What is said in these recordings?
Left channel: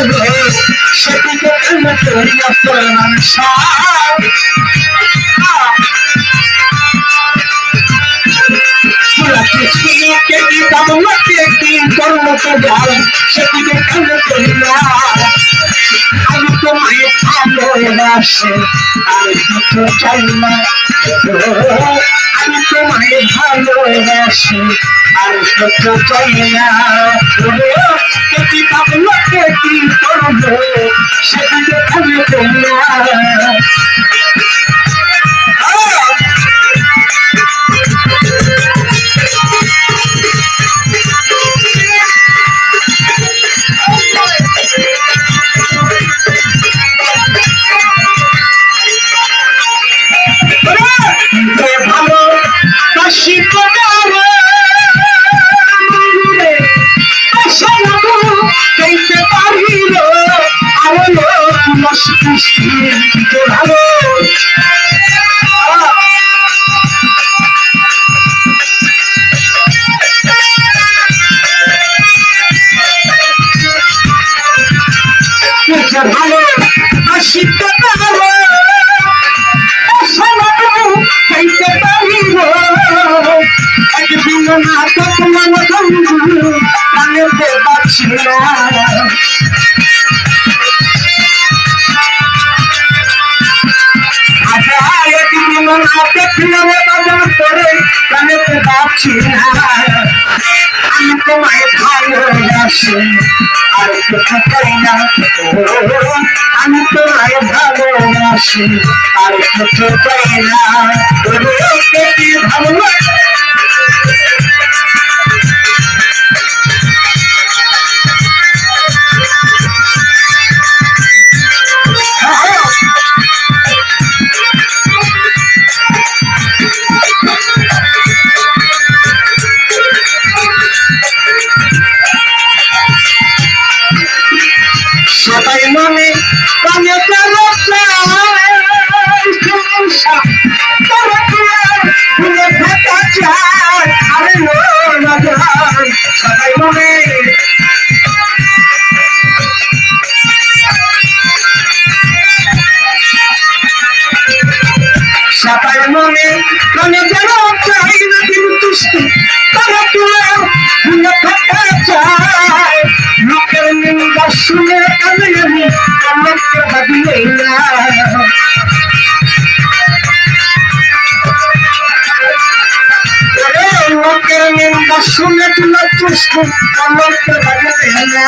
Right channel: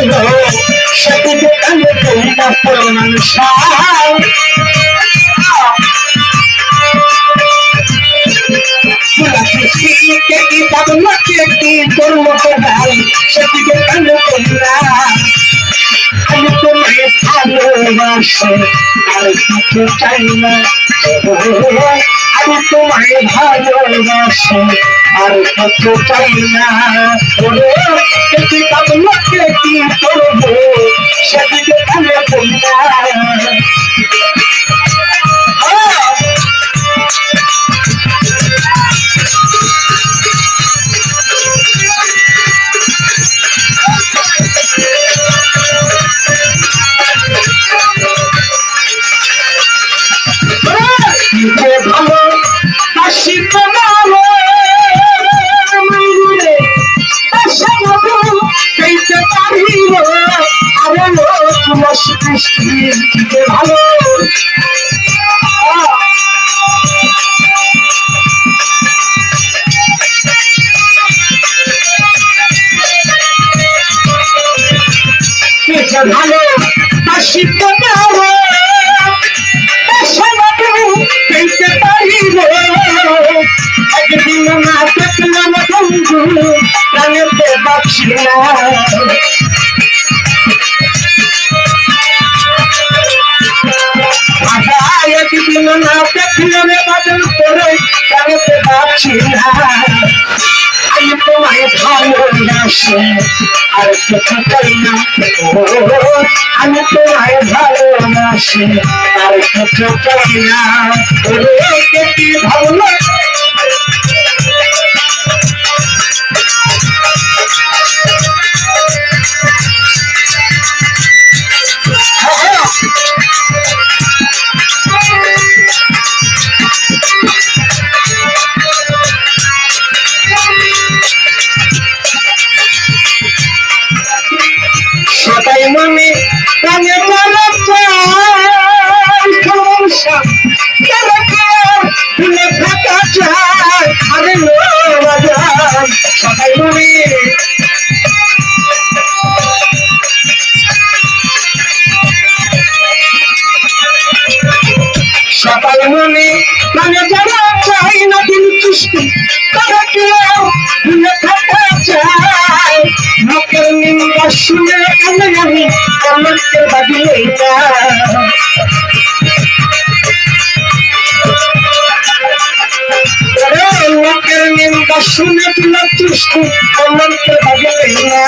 করল সেদিকে কেন করি না প্রণাম সার কে কি পাবো কে কি করল তো যাই সেদিকে কেন করি না আমি তোমায় ভালোবাসে আর কিছু চাই না আমি তোমায় ভালোবাসে আর কিছু চাই না যে ভালো বাসি তোমার পেতে পারিব। একদিন না দেখলাম বন্ধু প্রাণেতে পাচ্ছি না। একদিন না দেখলাম বাদল করে প্রাণেতে আমি তোমায় ভালোবাসি। আর কিছু চাই না। আমি তোমায় ভালোবাসি আর কিছু চাই না। ওরে শুনে কানে আমি কমেন্টে ভাবিলেই না। ওরে লোকের নিন্দা শুনে তুলে তুষ্টি কমেন্টে ভাবিলেই না।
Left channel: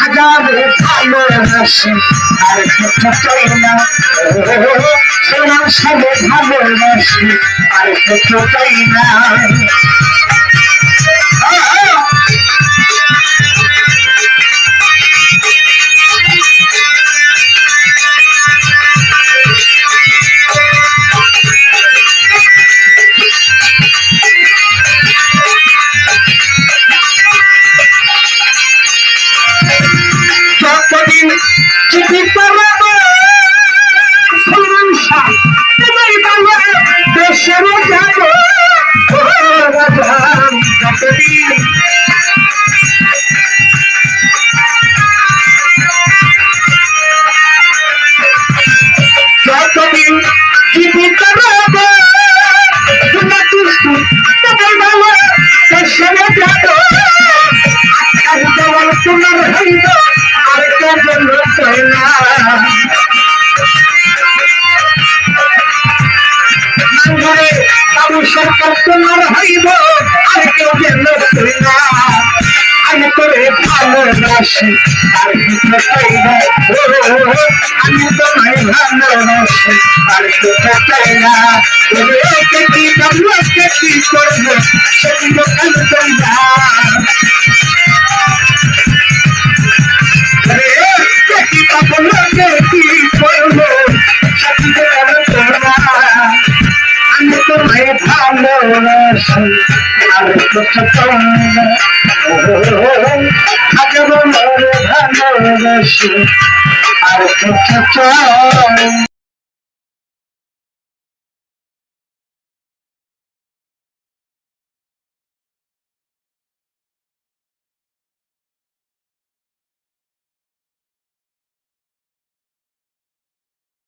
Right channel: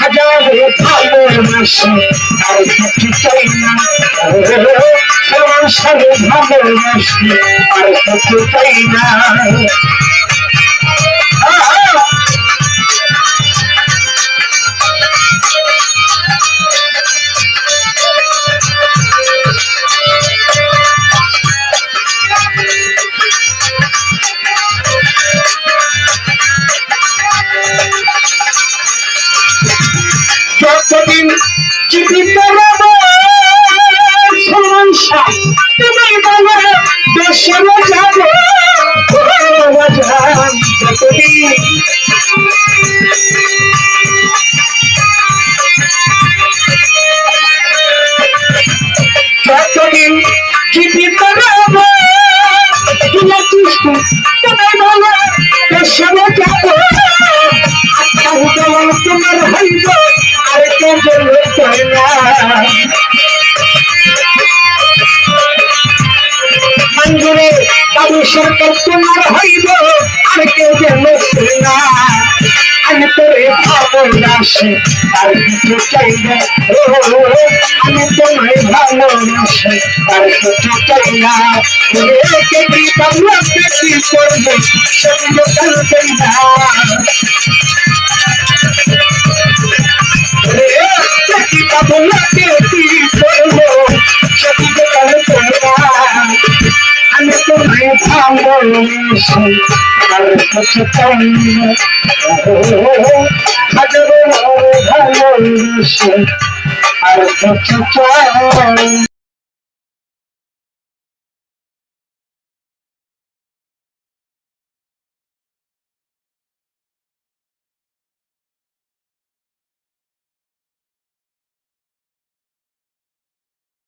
হাজারে ভালোবাসি আর কিছু চাই না। সাথে ভালোবাসি আর কিছু চাই না। জীবিত রব সংসার তুমি বলো দেশের যাব যতদিন সরকার তোমার হইব, আর কেউ যেন না। আমি তোরে ভালোবাসি, আর কিছু চাই না। আমি তোমায় ভালোবাসি, আর কিছু চাই না। কে কি পাবলো কে কি করব সেদিকে না। ভালোবাসি আর কত চাই?